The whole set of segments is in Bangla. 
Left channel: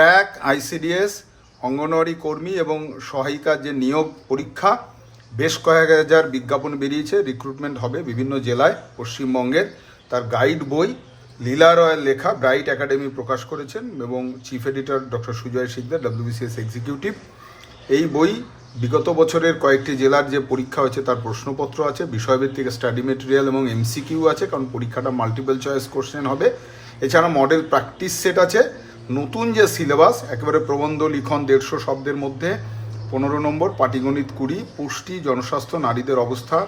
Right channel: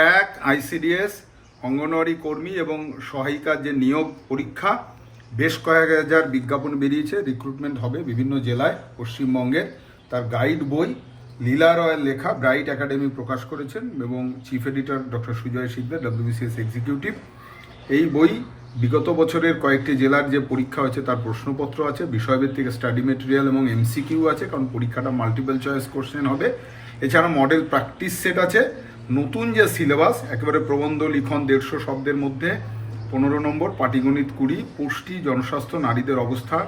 ট্র্যাক, আইসিডিএস, অঙ্গনওয়াড়ি কর্মী এবং সহায়িকার যে নিয়োগ পরীক্ষা, বেশ কয়েক হাজার বিজ্ঞাপন বেরিয়েছে। রিক্রুটমেন্ট হবে বিভিন্ন জেলায় পশ্চিমবঙ্গের তার গাইড বই, লীলা রয়ের লেখা ব্রাইট একাডেমি প্রকাশ করেছেন এবং chief editor doctor Sujoy Sikdar WBCS executive এই বই বিগত বছরের কয়েকটি জেলার যে পরীক্ষা হয়েছে, তার প্রশ্নপত্র আছে, বিষয়ভিত্তিক স্টাডি মেটেরিয়াল এবং এমসিকিউ আছে, কারণ পরীক্ষাটা মাল্টিপল চয়েস কোশ্চেন হবে। এছাড়া মডেল প্র্যাকটিস সেট আছে। নতুন যে সিলেবাস, একেবারে প্রবন্ধ, লিখন, দেড়শো শব্দের মধ্যে, পনেরো নম্বর, পাটিগণিত কুড়ি, পুষ্টি, জনস্বাস্থ্য, নারীদের অবস্থা,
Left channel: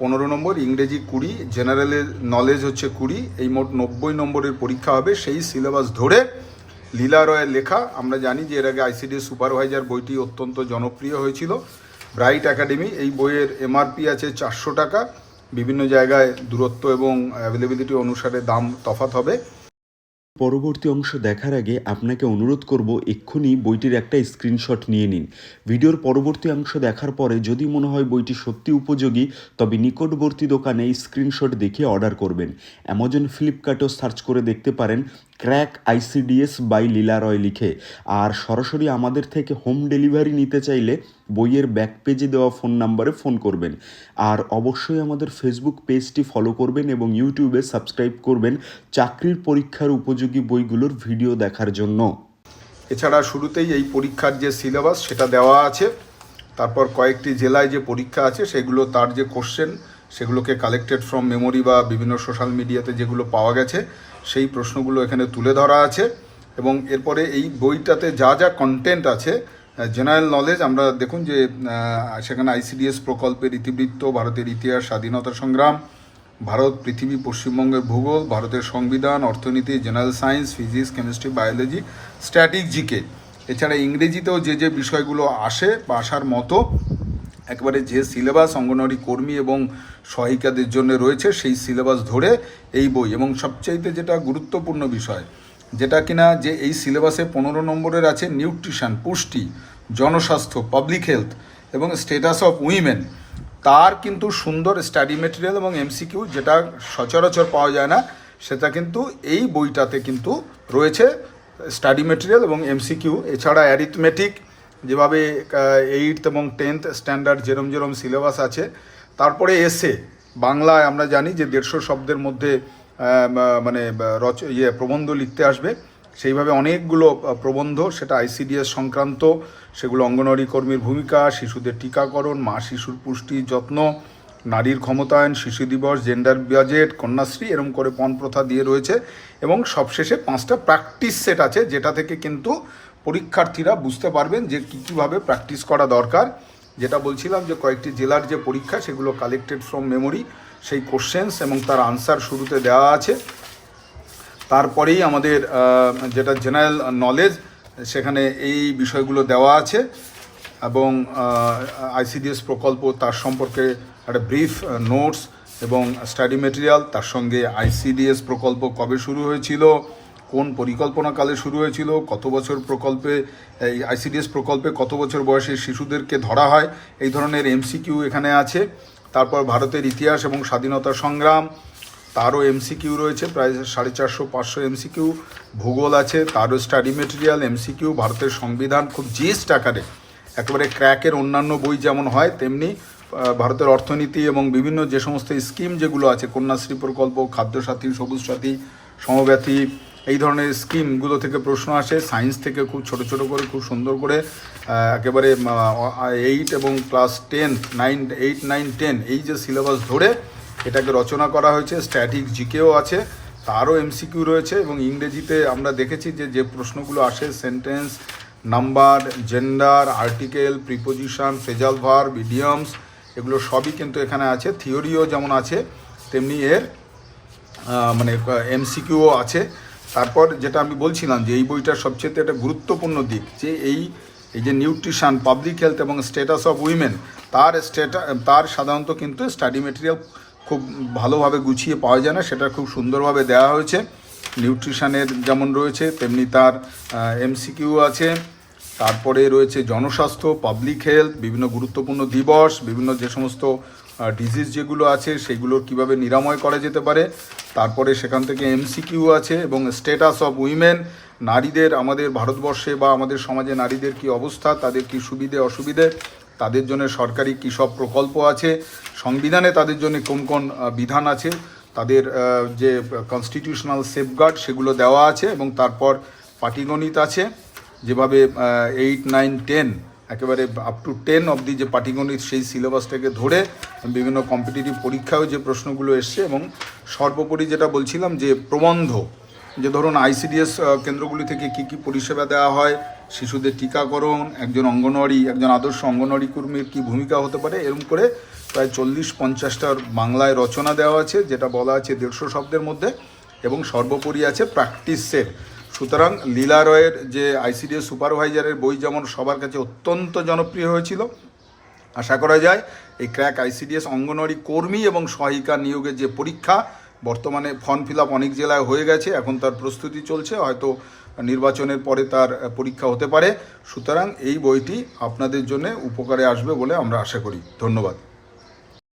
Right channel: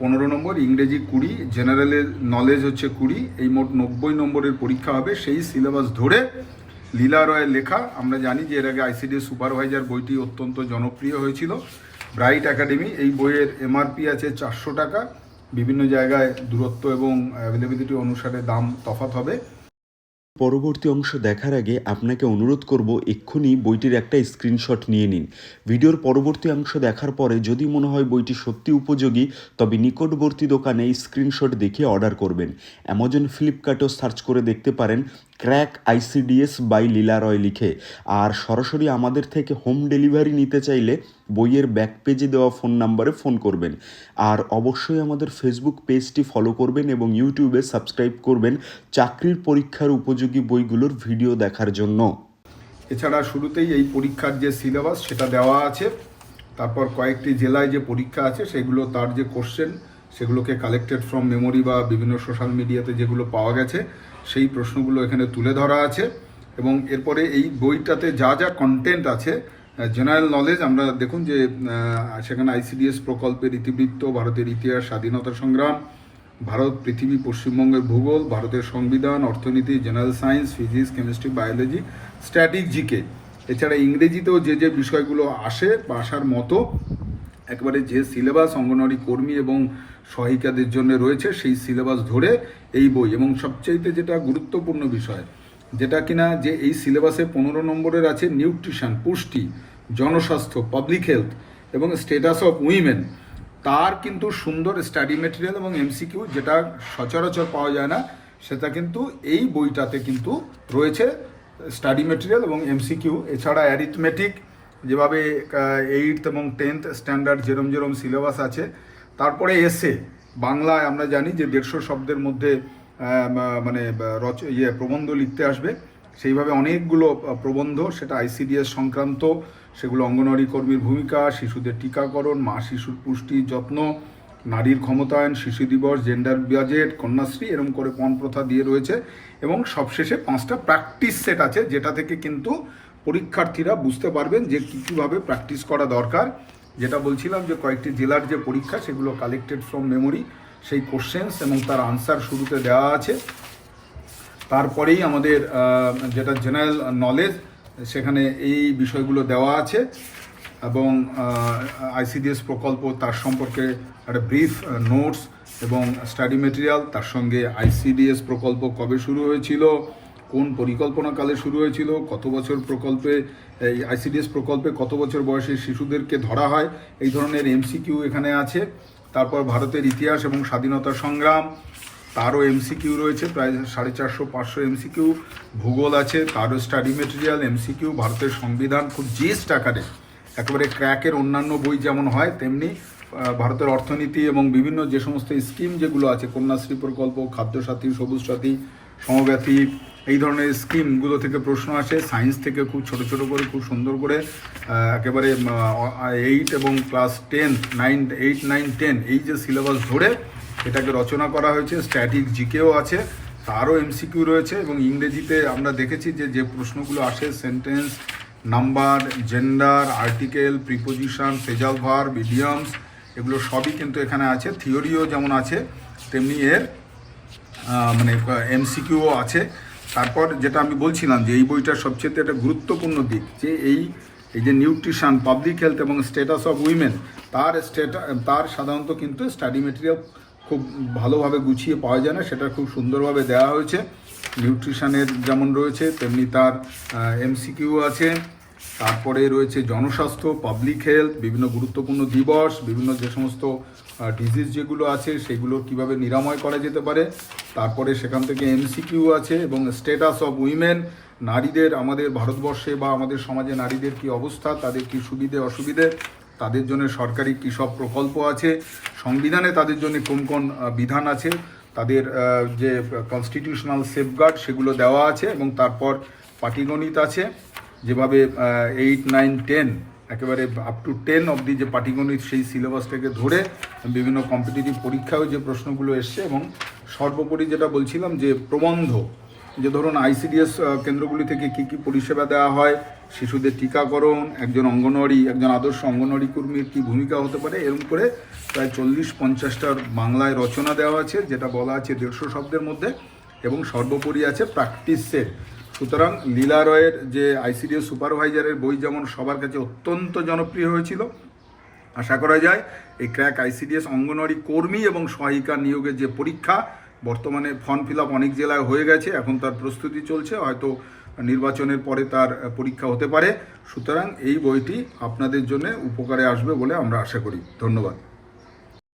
পনেরো নম্বর, ইংরেজি কুড়ি, জেনারেলের নলেজ হচ্ছে কুড়ি, এই মোট নব্বই নম্বরের পরীক্ষা হবে, সেই সিলেবাস ধরে লীলা রয়ের লেখা, আমরা জানি যে এর আগে আইসিডি সুপারভাইজার বইটি অত্যন্ত জনপ্রিয় হয়েছিল। ব্রাইট একাডেমি, এই বইয়ের এমআরপি আছে চারশো টাকা, বিভিন্ন জায়গায় দূরত্ব এবং অ্যাভেলেবিলিটি অনুসারে দাম তফাৎ হবে। পরবর্তী অংশ দেখার আগে আপনাকে অনুরোধ করব এক্ষুনি বইটির একটা স্ক্রিনশট নিয়ে নিন। ভিডিওর পরবর্তী অংশ দেখার পরে যদি মনে হয় বইটি সত্যি উপযোগী, তবে নিকটবর্তী দোকানে স্ক্রিনশট দেখে অর্ডার করবেন। অ্যামাজন ফ্লিপকার্টও সার্চ করে দেখতে পারেন। Crack ICDS by Leela Roy লিখে। আর সরাসরি আমাদের থেকে হোম ডেলিভারি নিতে চাইলে বইয়ের ব্যাক পেজে দেওয়া ফোন নাম্বারে ফোন করবেন। আর অবশ্যই আমাদের ফেসবুক পেজটি ফলো করবেন এবং ইউটিউবে সাবস্ক্রাইব করবেন চাকরির পরীক্ষার উপযোগী বইগুলোর ভিডিও দেখার জন্য। এছাড়া শুরুতেই এই পরীক্ষার যে সিলেবাস, সেটা দেওয়া আছে। তারপর কয়েকটি জেলায় যে পরীক্ষা আছে, সেগুলো তার যে কোশ্চেন সেগুলোকে কালেক্টেড ফ্রম মেমোরি বা বিভিন্ন সোশ্যাল মিডিয়াতে যেগুলো পাওয়া গেছে সেই প্রশ্নগুলো এখানে তুলে ধরা আছে এবং এরপরে এই বইটাতে যা যা কন্টেন্ট আছে জেনারেল নলেজ আমরা দেখুন যে সেখানে আইসিডিএস প্রকল্পের ইতিবৃত্ত, ভারতের ইতিহাস, স্বাধীনতা সংগ্রাম, ভারত, পৃথিবী, পশ্চিমবঙ্গের ভূগোল, ভারতের সংবিধান, অর্থনীতি general science physics chemistry biology static GK এছাড়া ইংরেজিতেও যে যে বিষয়গুলো আসে বা আসার মতো একবারে যে সিলেবাস অঙ্গনওয়াড়ি কর্মী এবং সহায়িকাদের জন্য রয়েছে, সেই সিলেবাস ধরে এই বই। এবং সবচাইতে যেটা গুরুত্বপূর্ণ বিষয়, যেটা কিনা যে এই সিলেবাসে পনেরো নম্বরের আছে নিউট্রিশন, পুষ্টি, জনস্বাস্থ্য, পাবলিক হেলথ এবং স্টেটাস অফ উইমেন। তার কিন্তু সুন্দর স্টাডি মেটেরিয়াল এবং এমসিকিউ যেটা সচরাচর পাওয়া যায় না, সেটা কিন্তু এই বইটাতে কিন্তু রয়েছে স্টাডি মেটেরিয়াল এবং এমসিকিউ। এছাড়া অ্যারিথমেটিক যেভাবে এইট এবং টেন্থ স্ট্যান্ডার্ড যেরম যেরম সিলেবাস আছে, তারপরে এসে বাংলায় আমরা জানি যে দেড়শো শব্দের মধ্যে মানে রচ ইয়ে প্রবন্ধ লিখতে আসবে। সেইভাবে অনেকগুলো প্রবন্ধ, সেটা আইসিডিএস সংক্রান্ত, সেগুলো অঙ্গনওয়াড়ি কর্মীর ভূমিকা, শিশুদের টিকাকরণ, মা শিশুর পুষ্টি যত্ন, নারীর ক্ষমতায়ন, শিশু দিবস জেন্ডার বাজেট কন্যাশ্রী এরকম করে পণ প্রথা দিয়ে রয়েছে। এবং সবশেষে পাঁচটা প্র্যাকটিস সেট আছে, যেটা থেকে কিন্তু পরীক্ষার্থীরা বুঝতে পারবেন যে কী কীভাবে প্র্যাকটিস করা দরকার। যেটা বলছিলাম যে কয়েকটি জেলার যে পরীক্ষা সেগুলো কালেক্টেড ফ্রম মেমোরি সেই কোশ্চেন্স এবং তার আনসার শুরুতে দেওয়া আছে। তারপরেই আমাদের যেটা জেনারেল নলেজ সেখানে এই বিষয়গুলো দেওয়া আছে এবং আইসিডিএস প্রকল্প তার সম্পর্কে একটা ব্রিফ নোটস এবং স্টাডি মেটেরিয়াল তার সঙ্গে আইসিডিএস প্রকল্প কবে শুরু হয়েছিল কোন পরিকল্পনাকালে শুরু হয়েছিল, কত বছর প্রকল্পে, এই আইসিডিএস প্রকল্পে কত বছর বয়সে শিশুদেরকে ধরা হয়, এই ধরনের এমসিকিউ এখানে আছে। তারপর ভারতের ইতিহাস এবং স্বাধীনতা সংগ্রাম, তারও এমসিকিউ রয়েছে, প্রায় সাড়ে চারশো পাঁচশো এমসিকিউ ভূগোল আছে, তারও স্টাডি মেটেরিয়াল এমসিকিউ ভারতের সংবিধান খুব জিস্ট আকারে, একেবারে ক্র্যাকের অন্যান্য বই যেমন হয়, তেমনি ভারতের অর্থনীতি এবং বিভিন্ন যে সমস্ত স্কিম যেগুলো আছে, কন্যাশ্রী প্রকল্প, খাদ্যসাথী, সবুজ সাথী, সমব্যাথী এই ধরনের স্কিমগুলো থেকে প্রশ্ন আসে। সায়েন্স থেকে খুব ছোট ছোট করে, খুব সুন্দর করে একেবারে এইট এবং class ten nine eight nine ten এই যে সিলেবাস ধরে এটাকে রচনা করা হয়েছে। স্ট্যাটিক জিকেও আছে, তারও এমসিকিউ রয়েছে এবং ইংরেজিতে আমরা দেখেছি যে যে প্রশ্নগুলো আসে sentence number gender article preposition phrasal verb idioms এগুলো সবই কিন্তু এখানে আছে। থিওরিও যেমন আছে, তেমনি এর মানে এমসিকিউও আছে। তারপর যেটা আমি বলছিলাম যে এই বইটার সবচেয়ে একটা গুরুত্বপূর্ণ দিক যে এই এই যে নিউট্রিশান পাবলিক হেলথ এবং স্ট্যাটাস অফ উইমেন তার স্টেটা তার সাধারণত কিন্তু স্টাডি মেটেরিয়াল খুব ভালোভাবে গুছিয়ে পাওয়া যায় না, সেটা খুব সুন্দরভাবে দেওয়া হয়েছে। নিউট্রিশানের যেমন রয়েছে, তেমনি তার এমসিকিউ আছে, তারপরে রয়েছে জনস্বাস্থ্য পাবলিক হেলথ বিভিন্ন গুরুত্বপূর্ণ দিবস, বিভিন্ন যে সমস্ত ডিজিজ যেগুলো আছে, সেগুলো কীভাবে নিরাময় করা যেতে পারে, তারপরে সেখান থেকে এমসিকিউ আছে এবং স্টেটাস অফ উইমেন নারীদের, আমাদের ভারতবর্ষে বা আমাদের সমাজে নারীদের কি অবস্থা, তাদের কি সুবিধে, অসুবিধে, তাদের জন্য সরকারি কী সব প্রকল্প আছে, সংবিধানে তাদের জন্য কোন কোন বিধান আছে, তাদের যে কনস্টিটিউশনাল সেফগার্ড সেগুলো দেওয়া আছে এবং তারপর পাটিগণিত আছে, যেভাবে এইট নাইন টেন একেবারে আপ টু টেন অবধি যে পাটিগণিত সেই সিলেবাসটাকে ধরে বিভিন্ন কম্পিটিটিভ পরীক্ষায়ও যে প্রশ্নগুলো এসছে এবং সর্বোপরি যেটা বলছিলাম যে প্রবন্ধ, যে ধরুন আইসিডিএস কেন্দ্রগুলি থেকে কি কি পরিষেবা দেওয়া হয়, শিশুদের টিকাকরণ, একজন অঙ্গনওয়াড়ি, একজন আদর্শ অঙ্গনওয়াড়ি কর্মীর কী ভূমিকা হতে পারে এরকম করে প্রায় চল্লিশ পঞ্চাশটার বাংলায় রচনা দেওয়া আছে, যেটা বলা আছে দেড়শো শব্দের মধ্যে এবং সর্বোপরি আছে প্র্যাকটিস সেট সুতরাং লীলা রয়ের যে আইসিডিএস সুপারভাইজারের বই যেমন সবার কাছে অত্যন্ত জনপ্রিয় হয়েছিল, আশা করা যায় এই ক্র্যাক আইসিডিএস অঙ্গনওয়াড়ি কর্মী এবং সহায়িকা নিয়োগের যে পরীক্ষা, বর্তমানে ফর্ম ফিল আপ অনেক জেলায় হয়ে গেছে, এখন তার প্রস্তুতি চলছে, হয়তো নির্বাচনের পরে তার পরীক্ষা হতে পারে। সুতরাং এই বইটি আপনাদের জন্য উপকারে আসবে বলে আমরা আশা করি। ধন্যবাদ।